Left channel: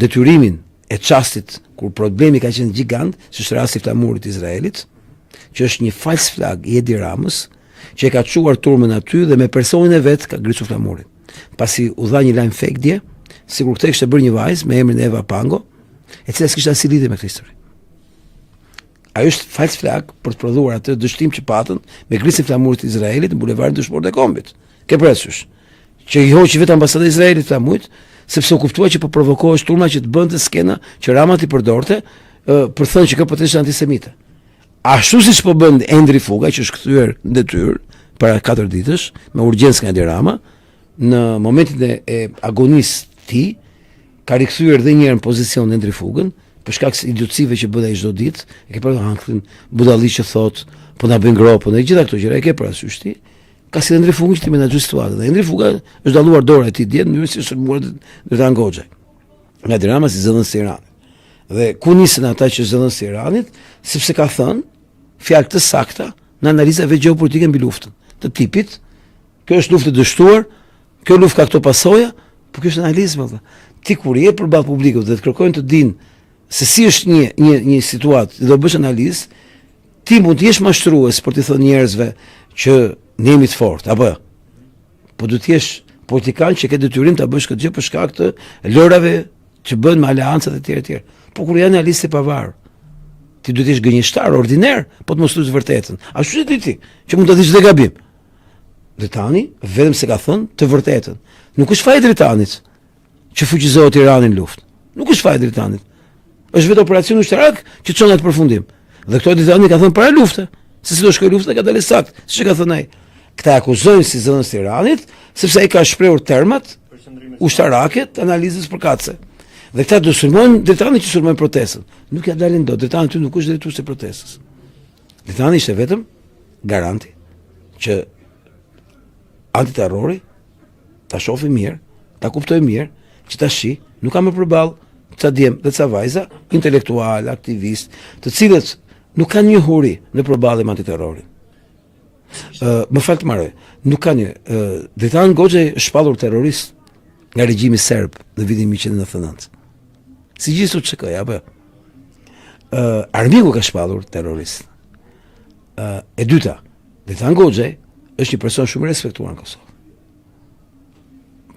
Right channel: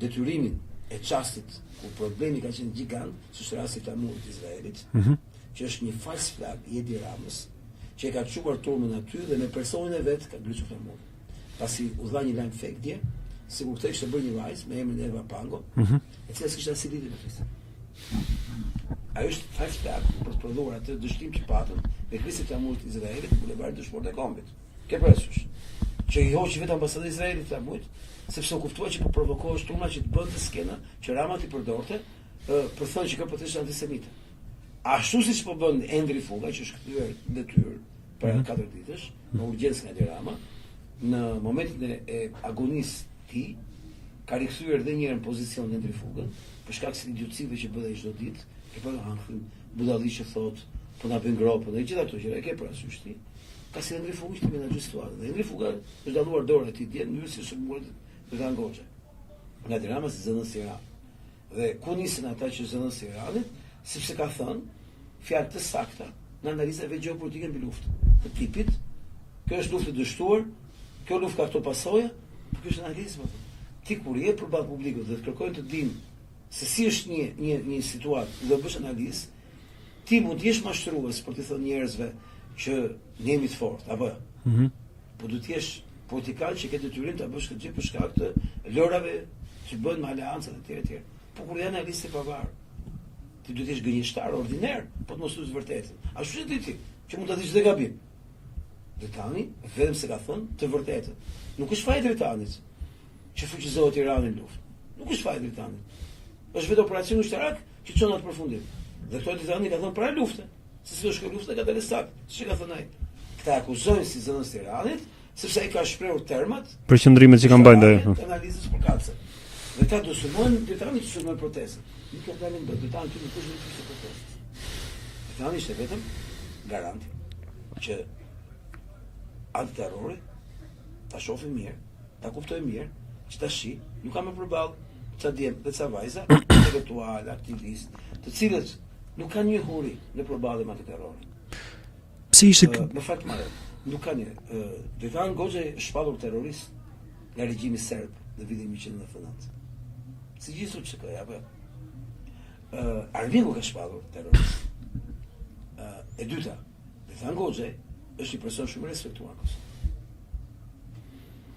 detyrimin e çastit kur problemi ka qenë gjigant, si është rasti i flamurit të Izraelit, që është një fals flag i Edi Ramës, që e ka çuar turmën aty dhe me personin e vet ka ngritur flamurin. Pasi u dha një lajm fake dje, sikur këtë kishte bërë një vajzë me emrin Eva Pango, e cila s'kishte asnjë lidhje me këtë histori. Ajo është fals flag për të prodhuar atë dështim që patën me ngrisjen e flamurit të Izraelit në bulevardin Dëshmorët e Kombit. Ke parasysh që i hoqi vetë ambasada e Izraelit flamurit, sepse u kuptua që po provokohej turma që të bënte skena që Rama ti përdorte për thënë që kjo po ishte antisemite. Ashtu siç po bën Endri Fuga, që është kthyer në detyrë para 4 ditësh me urgjencë nga Edi Rama, në momentin e agonisë të tij ka rikthyer edhe një herë në pozicion Endri Fugën për shkak të idiotësive që bën ai çdo ditë. E ke parasysh hankrin budalli që thot po na bën gropën e gjitha këto gjëra. E ke parasysh ti? Ka si Endri Fugën që ti menaxhoj situatën. Dhe Endri Fuga është dalluar dora e tij dje në mënyrë si sulmuar Dritan Goxha. Nga Edi Rama si zëdhënës së Iranit. Dhe ku nisën ata që zëdhënës së Iranit, sepse ka thënë fjalë të sakta në analizave gjeopolitike mbi luftën të tipit. Kjo është luftë e dështuar, kjo luftë ka këto pasoja, por kjo është analizë valla. Ti kur je përballë publikut dhe të kërkojnë të dinë se si është një situatë, do bësh analizë, ti mund të jesh mashtrues për të thënë njerëzve që ne jemi të fortë, apo jo? Po do të jesh politikan që ke detyrim ta bësh këtë gjë për shkak të lërave që bën me aleancat e tjera të tjera. Po kur janë analistë e pavarur, ti duhet të jesh gënjeshtar ordiner, po të mos thuash vërtetën. Ashtu që ti, që mund të dish dhe gabim. Dritani vetëm se ka thënë të vërtetën. Nuk është faji Dritanit që fuqizohet Irani në luftë. Nuk është faji Dritanit. Është vetë operacioni ushtarak që çon atë përfundim. Dhe këto Dritani ka thënë para lufte, se si do shkojë lufta ka dalë sakt, siç e ka thënë ai. Këta akuzojnë si zënës të Iranit, sepse ai ka shprehur termat për qëndrimet që kanë bërë analizës përkatëse. Dhe këta do sulmojnë Dritani që sulmojnë protestën. Nuk ja dalin dot. Dritani ty nuk është drejtues i protestës. Dritani ishte vetëm garanti që antiterrori ta shohë mirë, ta kuptojë mirë, që tash nuk ka më përballë ca djem dhe ca vajza intelektual, aktivist, të cilët nuk kanë një huri në përballje me antiterrorin. Si ishte? Më fal të marrë. Nuk kanë një Dritan Goxha është shpallur terrorist nga regjimi serb në vitin 1999. Si gjithë çka apo? Armiku ka shpallur terrorist. E dyta, Dritan Goxha është një person shumë i respektuar në Kosovë.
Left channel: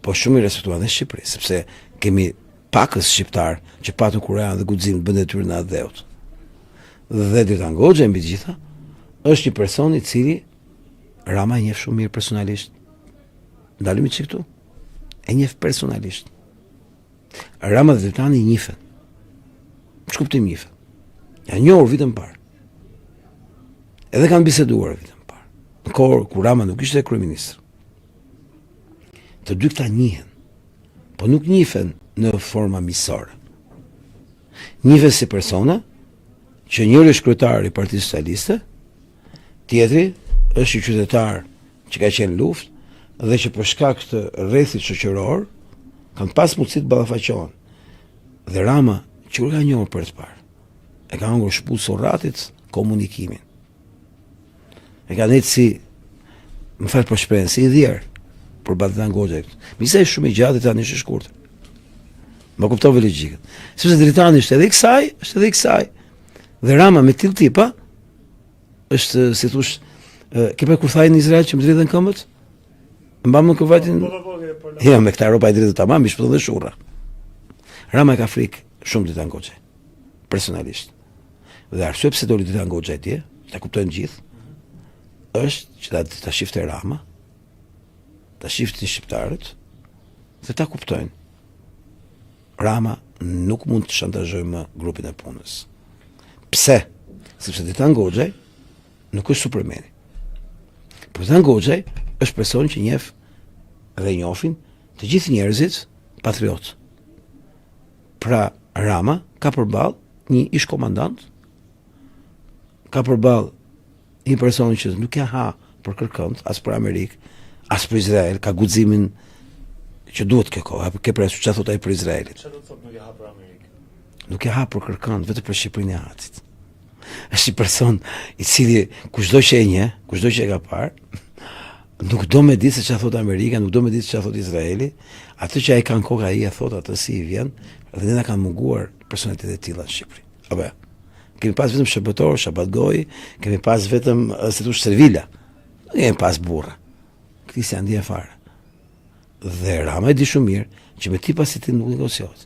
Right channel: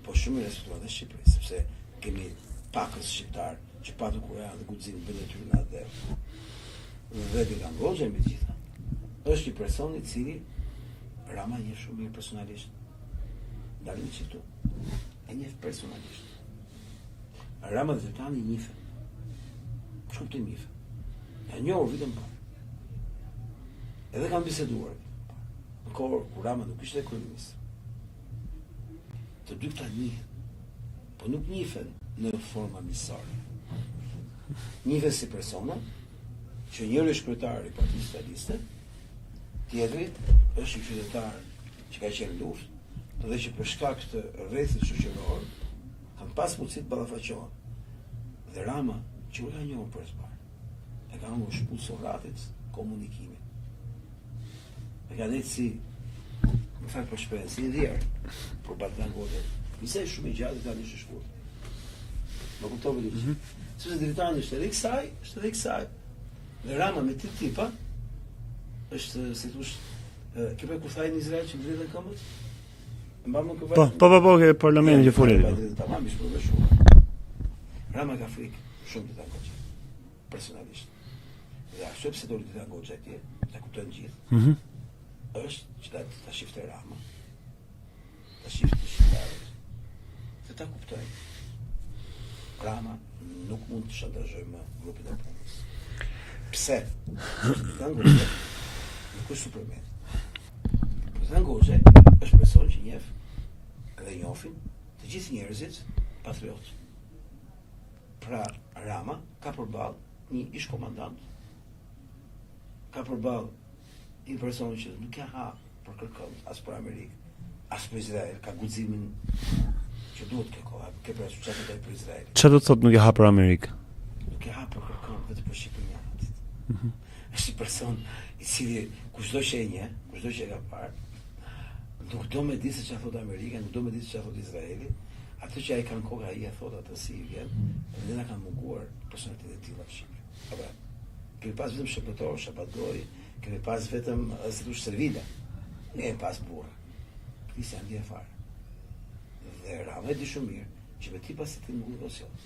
Po shumë i respektuar në Shqipëri, sepse kemi pakës shqiptar që patën Kur'an dhe guxim të bënë detyrë në atë dheut. Dhe Dritan Goxha mbi gjitha është një person i cili Rama e njeh shumë mirë personalisht. Ndalemi çik këtu. E njeh personalisht. Rama dhe Dritani njihen. Ç'kuptim njihen? Ja njohur vitën e parë. Edhe kanë biseduar vitën e parë. Në kohë kur Rama nuk ishte kryeminist. Të dy këta njihen. Po nuk njihen në forma miqësore. Njihen si persona që njëri është kryetar i Partisë Socialiste, tjetri është i qytetar që ka qenë luftë dhe që për shkak të rrethit shoqëror kanë pas mundësi të ballafaqohen. Dhe Rama që u ka njohur për të parë. E ka ngur shpull sorratit komunikimin. E ka dhënë si më fal për shprehjen, si i dhier për Dritan Goxha. Misa është shumë i gjatë tani është i shkurtër. Ma kuptove logjikën. Sepse Dritani është edhe i kësaj, është edhe i kësaj. Dhe Rama me tillë tipa është si thosh ke pa kur thaj në Izrael që më dridhen këmbët? Mbam në kuvatin. Po, ke parlament. Ja, me këta ropa e dridhë tamam, ishte edhe shurra. Rama ka frikë shumë Dritan Goxha. Personalisht. Dhe arsye pse doli Dritan Goxha atje, ta kuptojnë gjithë. Është që ta shifte Rama, ta shifte shqiptarët, dhe ta kuptojnë. Rama nuk mund të shantazhojë më grupin e punës. Pse? Sepse Dritan Goxha nuk është Supermani. Dritan Goxha është person që njeh dhe njohin të gjithë njerëzit patriot. Pra Rama ka përballë një ish komandant, ka përballë një person që nuk ka ha për kërkënd, as për Amerikë, as për Izrael, ka guximin që duhet kjo kohë, apo ke parasysh çfarë thot ai për Izraelin? Çfarë do të thotë nuk e ha për Amerikë? Nuk e ha për kërkënd, vetëm për Shqipërinë e Hatit. Është një person i cili kushdo që e njeh, kushdo që e ka parë, nuk do me ditë se çfarë thot Amerika, nuk do me ditë se çfarë thot Izraeli, Atë që ai kanë kokë, ai e thot atë si i vjen, dhe ne na kanë munguar personalitetet e tilla në Shqipëri. Apo kemi pas vetëm shërbëtor, shabatgoj, kemi pas vetëm si thosh servila. Ne kemi pas burra. Këti si janë fare. Dhe Rama e di shumë mirë që me ti pasitin nuk negociohet.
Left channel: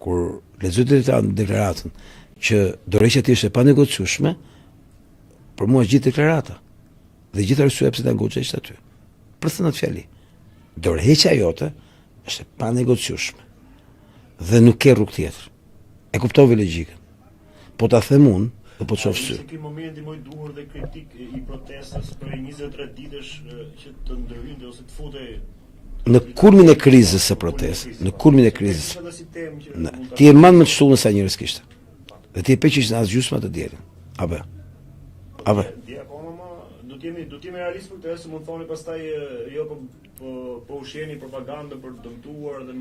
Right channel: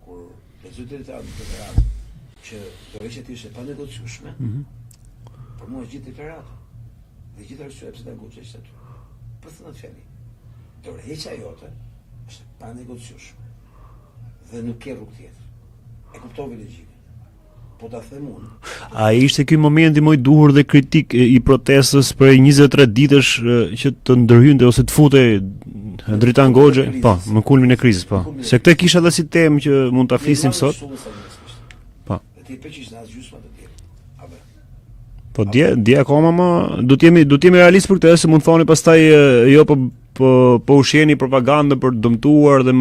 Kur lexoj deklaratën që dorëheqja ti është e panegociueshme, për mua gjithë deklarata dhe gjithë arsyeja pse ta goxhesh aty. Për thënë atë fjali. Dorëheqja jote është e panegociueshme dhe nuk ke rrugë tjetër. E kuptove logjikën. Po ta them unë, a ishte ky momenti më i duhur dhe kritik i protestës për 23 ditësh që të ndërhynte ose të futej në kulmin e krizës, në kulmin e krizës, po. Se këtë kisha edhe si temë që mund ta flisnim. Ti e mban më shumë sa njerëz kishte. Po. Dhe ti e peqish në as gjysmë të dielën. Apo. Po dje akoma më do të jemi realist për këtë, se mund thoni pastaj jo po ushjeni propagandë për të dëmtuar dhe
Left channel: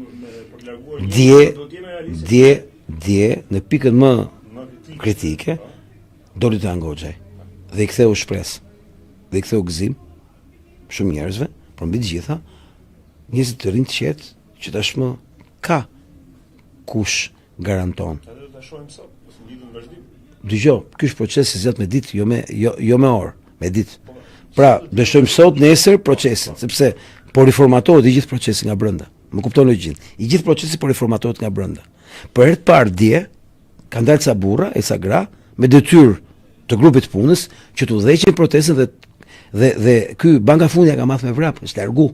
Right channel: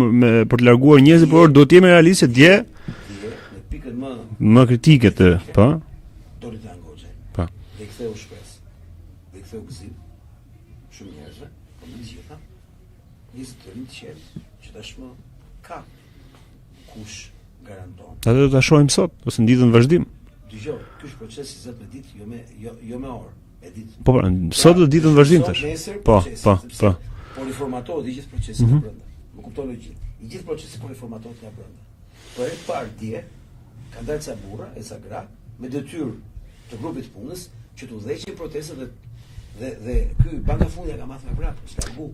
për të larguar njerëz, por do të jemi realistë dje në pikën më kritike po. Doli të Angoxhaj. Po. Dhe i ktheu shpresë. Dhe i ktheu gëzim shumë njerëzve, por mbi të gjitha njerëz të rinj të qetë që tashmë ka kush garanton. Atë do ta shohim sot ose nditën në vazhdim. Dgjoj, ky është proces i zgjat me ditë, jo me orë, me ditë. Po, sot do ditën vazhdim. Sot nesër procesi, sepse po riformatohet i gjithë procesi nga brenda. Më kupton logjikën. I gjithë procesi po riformatohet nga brenda. Për herë të parë dje kanë dalë ca burra e ca gra me detyrë të grupit punës që të udhëheqin protestën dhe ky banka fundja ka marrë me vrap, është largu.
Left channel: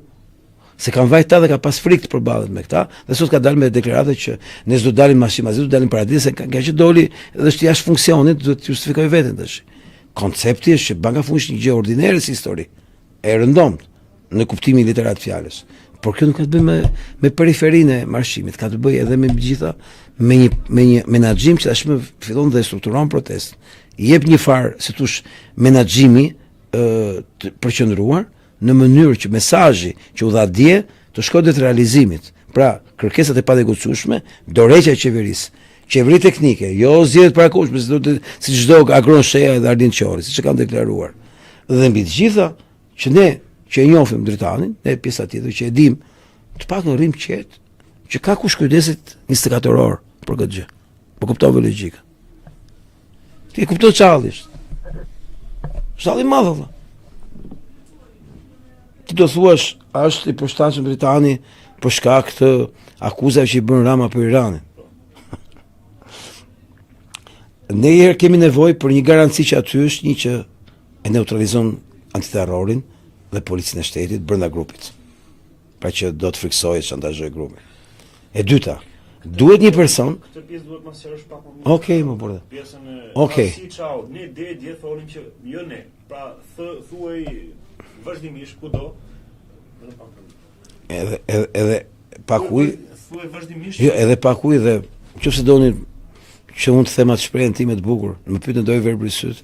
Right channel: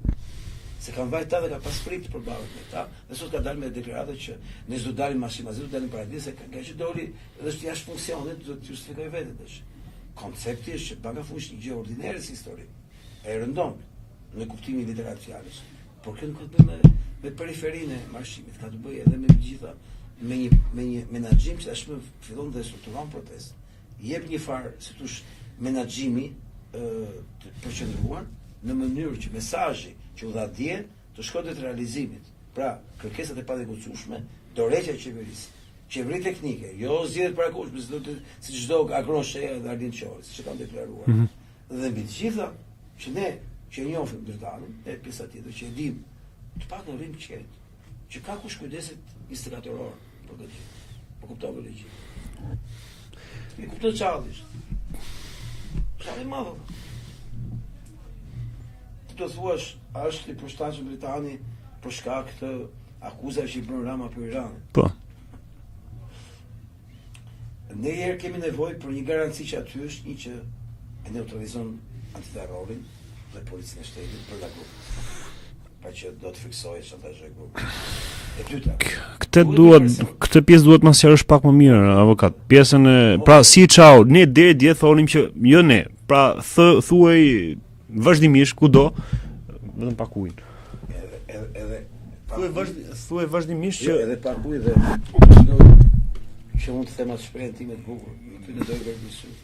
Se kanë vajta dhe ka pas frikë të përballet me këta, dhe sot ka dalë me deklarata që ne s'do dalim mashimazit, do dalim paradis, se ka që doli dhe është jashtë funksionit, do të justifikoj veten tash. Koncepti është që banka fundit është një gjë ordinare si histori, e rëndomt në kuptimin literat të fjalës. Por kjo nuk ka të bëjë me periferinë e marshimit, ka të bëjë edhe me gjitha me një menaxhim që tashmë fillon dhe strukturon protestën. I jep një farë, si thosh, menaxhimi të përqendruar në mënyrë që mesazhi që u dha dje të shkojë drejt realizimit. Pra, kërkesat e panegociueshme, dorëheqja e qeverisë, qeveri teknike, jo zgjedhjet parakohshme, si çdo Agron Sheja dhe Ardian Qori, siç e kanë deklaruar. Dhe mbi të gjitha, që ne që e njohim dritanin, ne pjesa tjetër që e dim, të paktën rrim qetë, që ka kush kujdeset 24 orë për këtë gjë. Po kuptove logjikën. Ti e kupton çallisht. Shalli i madh valla. Ti do thuash, a është i përshtatshëm Britani për shkak të akuzave që i bën Rama për Iranin. Po. Ne herë kemi nevojë për një garanci që aty është një që e neutralizon antiterrorin dhe policinë e shtetit brenda grupit. Pra që do të friksojë, shantazhojë grupin. E dyta, duhet një person. Këtë pjesë duhet ma sqarosh pak më mirë, avokat. Pjesën e pra si çau, ne dje thonim që jo ne. Pra thuaj vazhdimisht kudo, vetëm pak ujë. Edhe pak ujë. Thuaj vazhdimisht. Jo, edhe pak ujë dhe nëse doni që unë të them atë shprehjen time të bukur, më pyetën doj verbër i syt.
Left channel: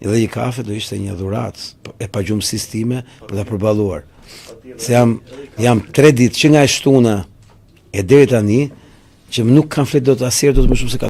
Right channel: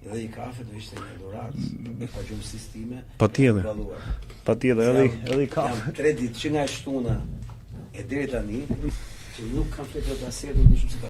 Edhe një kafe do ishte një dhuratë e pagjumësisë time për të përballuar. Patjetër. Se jam 3 ditë që nga e shtuna e deri tani që nuk kanë flet dot asnjëherë dot më shumë se